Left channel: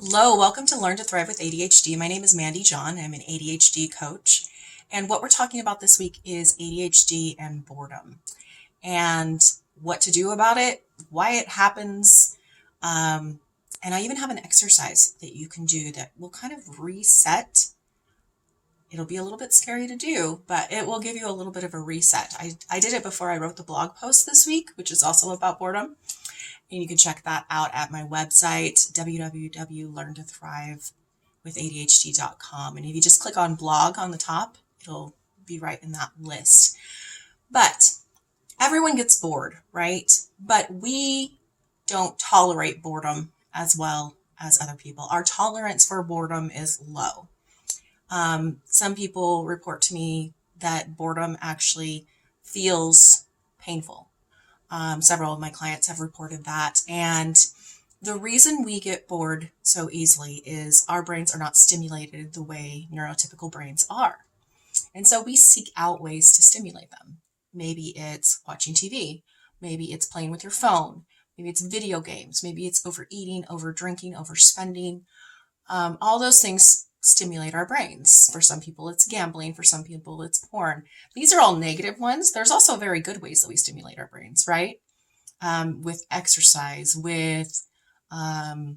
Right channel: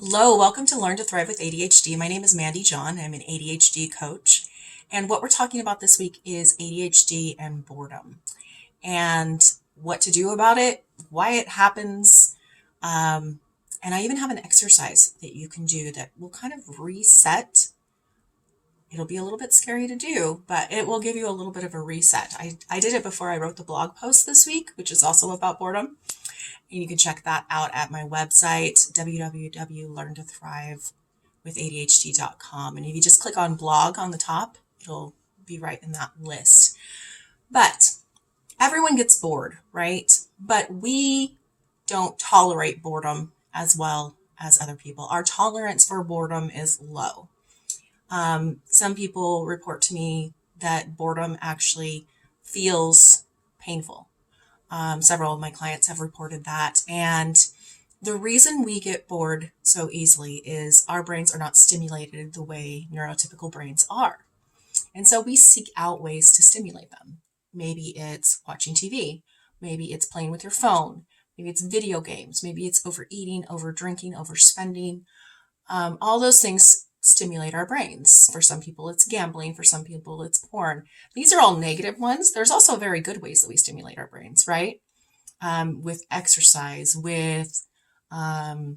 Hello, welcome to Learn to Thrive with ADHD. My name is Mande John. I'm an ADHD coach. And what we're talking about this week is ADHD and boredom and what to do about it, why it happens. And I even have an exercise that you can do that will kind of reset. It'll be a little bit scary to do, but it will give you a little bit of a reset. I did it before I wrote the blog post this week, which is also about boredom. And you can check that out at my website, www.learntothrivewithadhd.com. And if you just click on blog on the top, it'll be right in that list. But everyone gets bored, right? But we don't tolerate boredom as well as other people. Our tolerance for boredom is low. Some people report to me that boredom actually feels painful. Several of my clients have reported that. And the reason we get bored so easily is our brains are not stimulated the way neurotypical brains are. And so we seek out ways to stimulate them. Maybe it's watching TV. Maybe it's playing with your phone. Maybe it's video games. Maybe it's overeating, over drinking, overspending. All those things stimulate our brains. For some people, it's gambling. For some people, it's porn. These are all negative ones. There's also very good ways that we stimulate our brains, right? With exercise, with I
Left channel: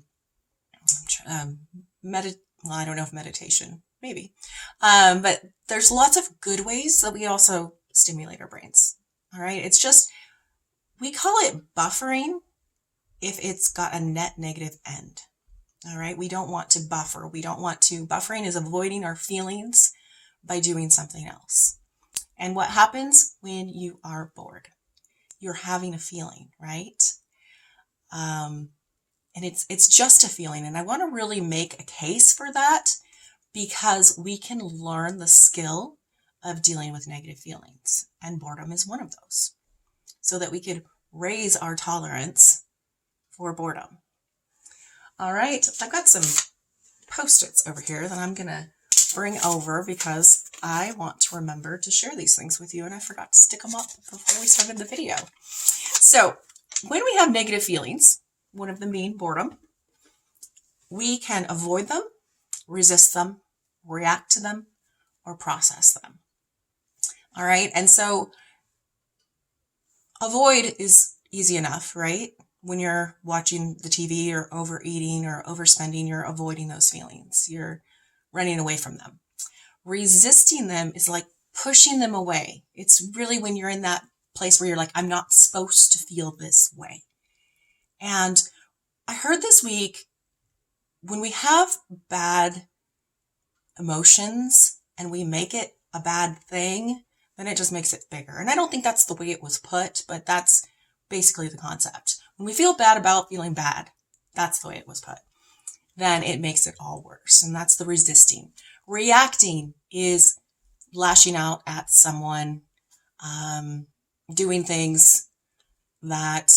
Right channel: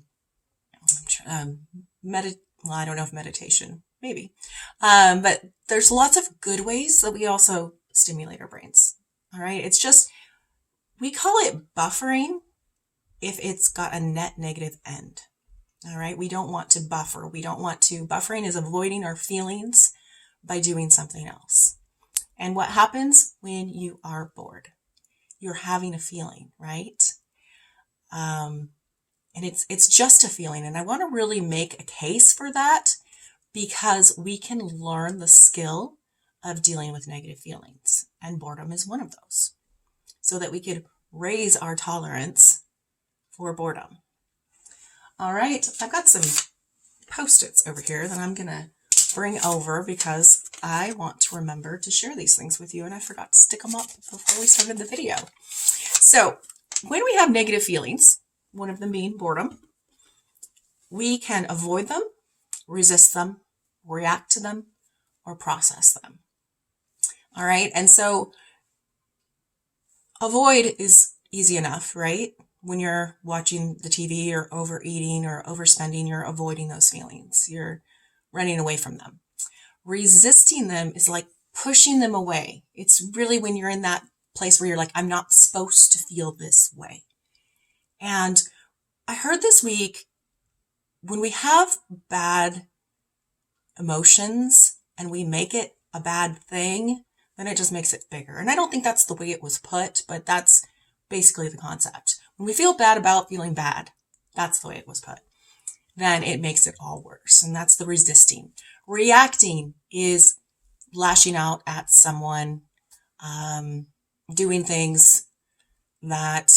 don't know if meditation, maybe. But there's lots of good ways that we also stimulate our brains. All right. It's just, we call it buffering if it's got a net negative end. All right. We don't want to buffer. Buffering is avoiding our feelings by doing something else. And what happens when you are bored? You're having a feeling, right? And it's just a feeling. And I want to really make a case for that because we can learn the skill of dealing with negative feelings. And boredom is one of those. So that we could raise our tolerance for boredom. All right, I've got some Post-its over here that I'm going to bring over because I want to remember to share these things with you, and I forgot to stick them up before we started the video. So when we have negative feelings, one of them being boredom, we can avoid them, resist them, react to them, or process them. All right, and so avoid is easy enough, right? When you're watching the TV or overeating or overspending, you're avoiding those feelings. You're running away from them. Resisting them is like pushing them away. It's really when you're in that place where you're like, I'm not supposed to feel this way. And I heard this week, when we have bad emotions and we make it a bad thing, then it just makes it bigger. And I don't think that's the way it was put, but that's basically the concept. When we feel bad about feeling bad, that's the way it was put, then it makes it all worse. And that's the resisting. Reacting is lashing out at someone, doing things that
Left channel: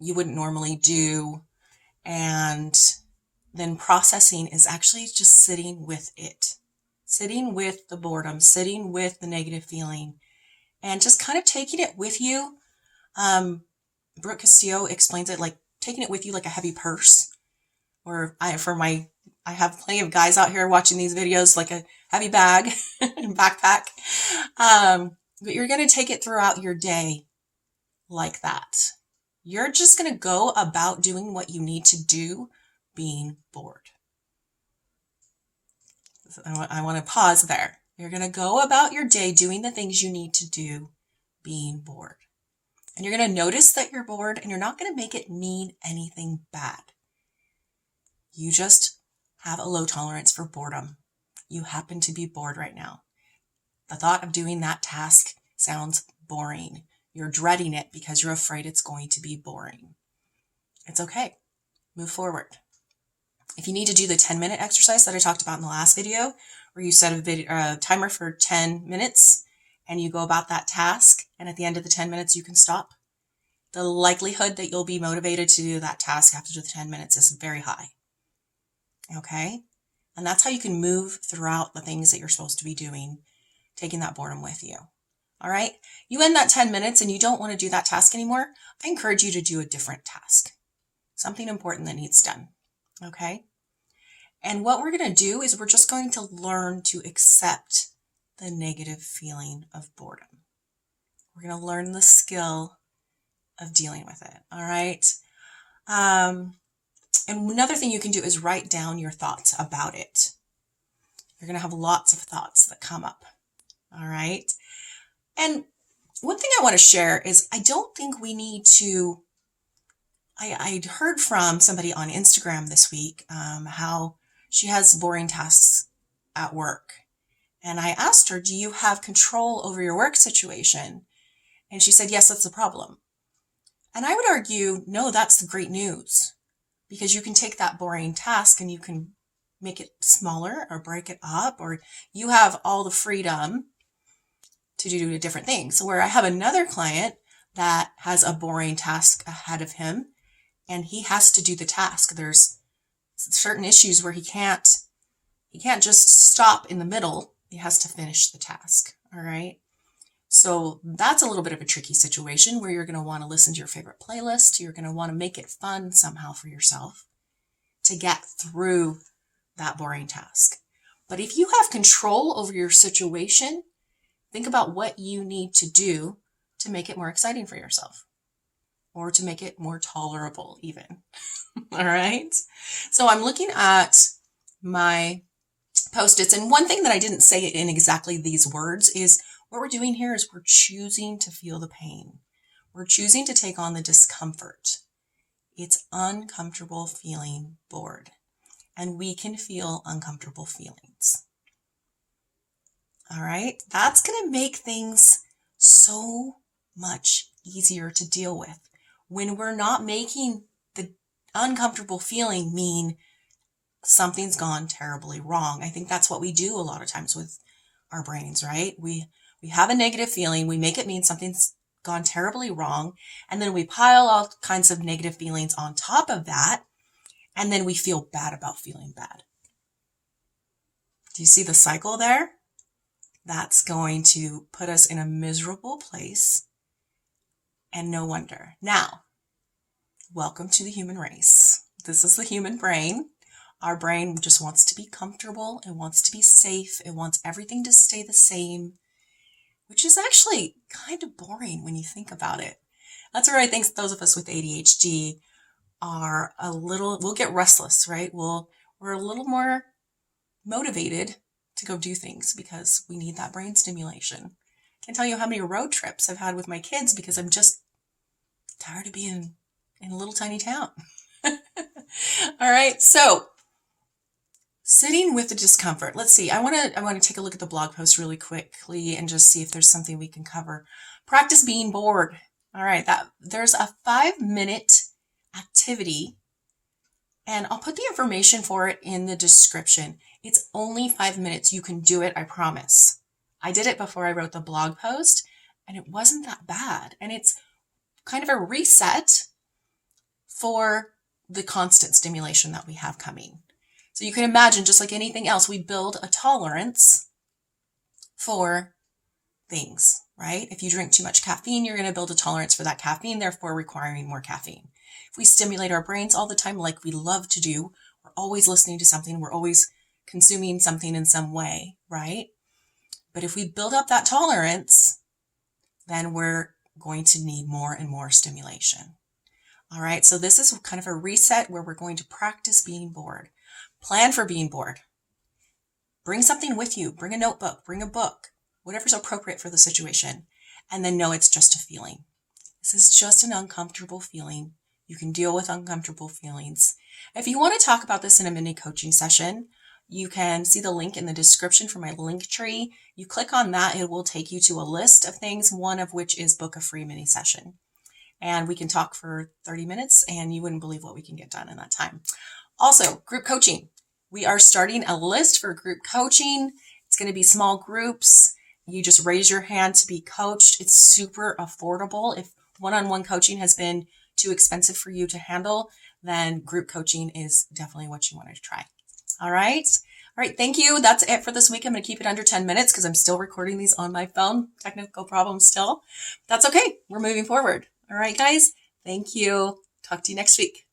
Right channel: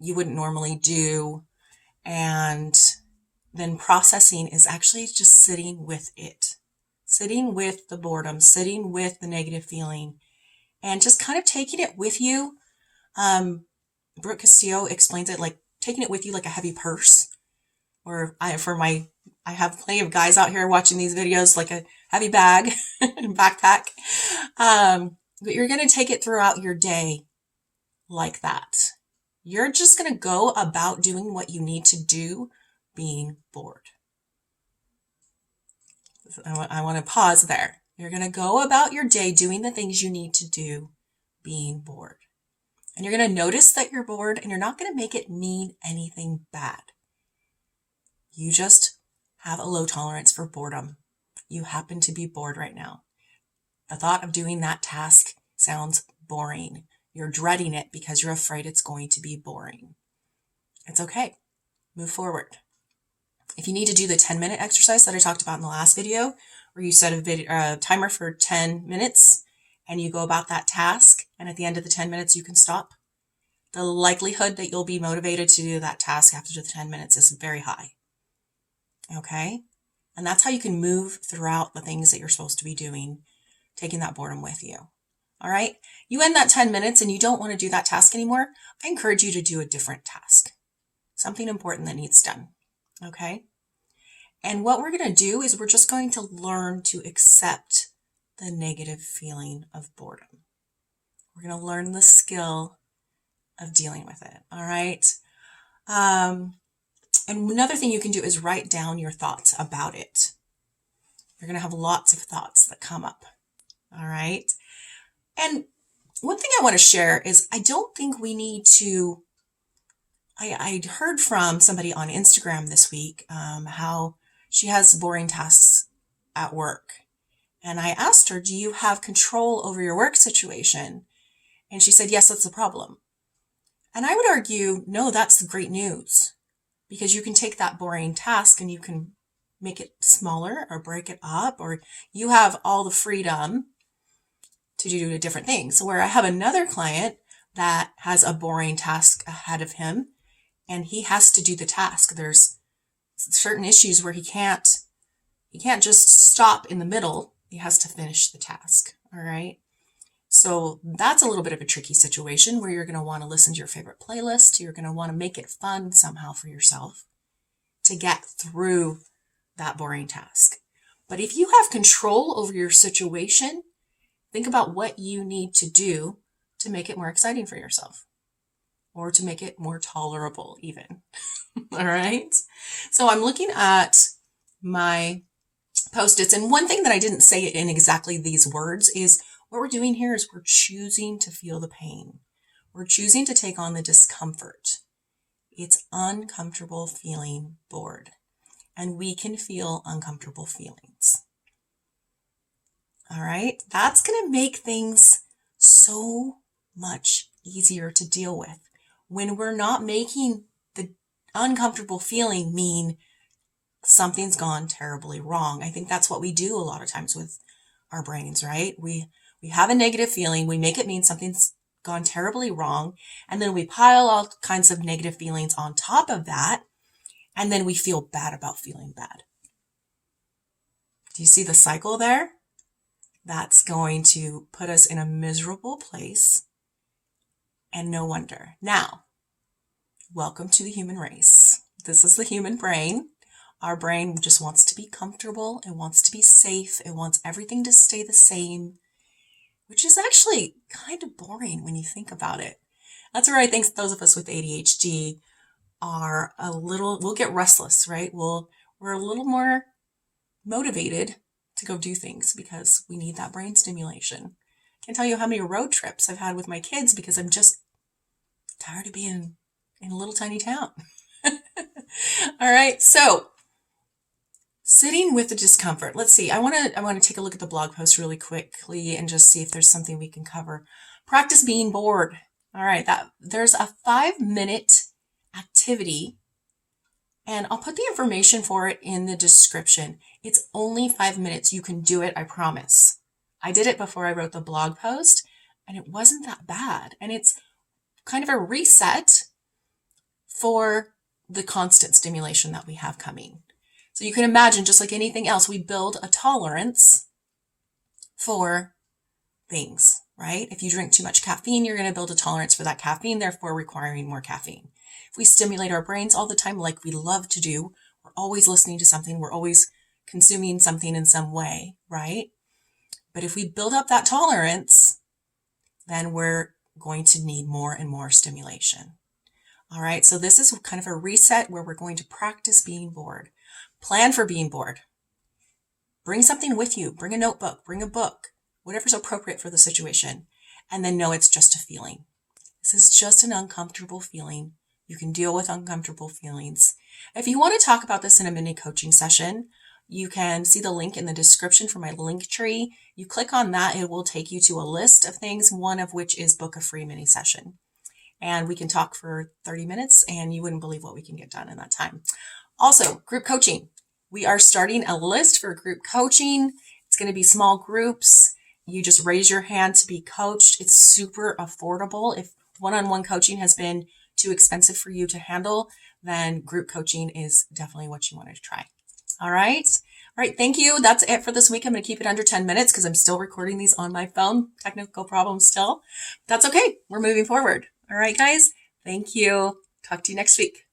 you wouldn't normally do. And then processing is actually just sitting with it, sitting with the boredom, sitting with the negative feeling, and just kind of taking it with you. Brooke Castillo explains it like taking it with you like a heavy purse. Or I have plenty of guys out here watching these videos like a heavy bag and backpack. But you're going to take it throughout your day like that. You're just going to go about doing what you need to do, being bored. I want to pause there. You're going to go about your day doing the things you need to do, being bored. And you're going to notice that you're bored, and you're not going to make it mean anything bad. You just have a low tolerance for boredom. You happen to be bored right now. The thought of doing that task sounds boring. You're dreading it because you're afraid it's going to be boring. It's okay. Move forward. If you need to do the 10-minute exercise that I talked about in the last video, where you set a timer for 10 minutes, and you go about that task, and at the end of the 10 minutes, you can stop, the likelihood that you'll be motivated to do that task after the 10 minutes is very high. Okay? And that's how you can move throughout the things that you're supposed to be doing, taking that boredom with you. All right? You end that 10 minutes and you don't want to do that task anymore, I encourage you to do a different task. Something important that needs done. Okay? And what we're going to do is we're just going to learn to accept the negative feeling of boredom. We're going to learn the skill of dealing with it. All right. And another thing you can do is write down your thoughts about it. You're going to have lots of thoughts that come up. All right. And one thing I want to share is I don't think we need to, I heard from somebody on Instagram this week how she has boring tasks at work. And I asked her, do you have control over your work situation? And she said, yes, that's the problem. And I would argue, no, that's the great news, because you can take that boring task and you can make it smaller or break it up, or you have all the freedom to do different things. So where I have another client that has a boring task ahead of him and he has to do the task. There's certain issues where he can't just stop in the middle. He has to finish the task. All right. So that's a little bit of a tricky situation where you're going to want to listen to your favorite playlist. You're going to want to make it fun somehow for yourself to get through that boring task. But if you have control over your situation, think about what you need to do to make it more exciting for yourself, or to make it more tolerable even. All right. So I'm looking at my Post-its, and one thing that I didn't say in exactly these words is what we're doing here is we're choosing to feel the pain. We're choosing to take on the discomfort. It's uncomfortable feeling bored, and we can feel uncomfortable feelings. All right. That's going to make things so much easier to deal with when we're not making the uncomfortable feeling mean something's gone terribly wrong. I think that's what we do a lot of times with our brains, right? We have a negative feeling. We make it mean something's gone terribly wrong. And then we pile all kinds of negative feelings on top of that. And then we feel bad about feeling bad. Do you see the cycle there? That's going to put us in a miserable place. And no wonder. Now, welcome to the human race. This is the human brain. Our brain just wants to be comfortable. It wants to be safe. It wants everything to stay the same, which is actually kind of boring when you think about it. That's where I think those of us with ADHD are we'll get restless, right? We're a little more motivated to go do things because we need that brain stimulation. I can't tell you how many road trips I've had with my kids because I'm just tired of being in a little tiny town. All right. So sitting with the discomfort. Let's see. I want to take a look at the blog post really quickly and just see if there's something we can cover. Practice being bored. All right. There's a 5-minute activity, and I'll put the information for it in the description. It's only 5 minutes. You can do it. I promise. I did it before I wrote the blog post, and it wasn't that bad. And it's kind of a reset for the constant stimulation that we have coming. So you can imagine, just like anything else, we build a tolerance for things, right? If you drink too much caffeine, you're going to build a tolerance for that caffeine, therefore requiring more caffeine. If we stimulate our brains all the time, like we love to do, we're always listening to something, we're always consuming something in some way, right? But if we build up that tolerance, then we're going to need more and more stimulation. All right, so this is kind of a reset where we're going to practice being bored. Plan for being bored. Bring something with you. Bring a notebook, bring a book, whatever's appropriate for the situation. And then know it's just a feeling. This is just an uncomfortable feeling. You can deal with uncomfortable feelings. If you want to talk about this in a mini coaching session, you can see the link in the description for my link tree. You click on that, it will take you to a list of things, one of which is book a free mini session. And we can talk for 30 minutes and you wouldn't believe what we can get done in that time. Also, group coaching. We are starting a list for group coaching. It's going to be small groups. You just raise your hand to be coached. It's super affordable. If one-on-one coaching has been too expensive for you to handle, then group coaching is definitely what you want to try. All right. All right. Thank you. That's it for this week. I'm going to keep it under 10 minutes because I'm still recording these on my phone. Technical problems still. That's okay. We're moving forward. All right, guys. Thank you. Talk to you next week.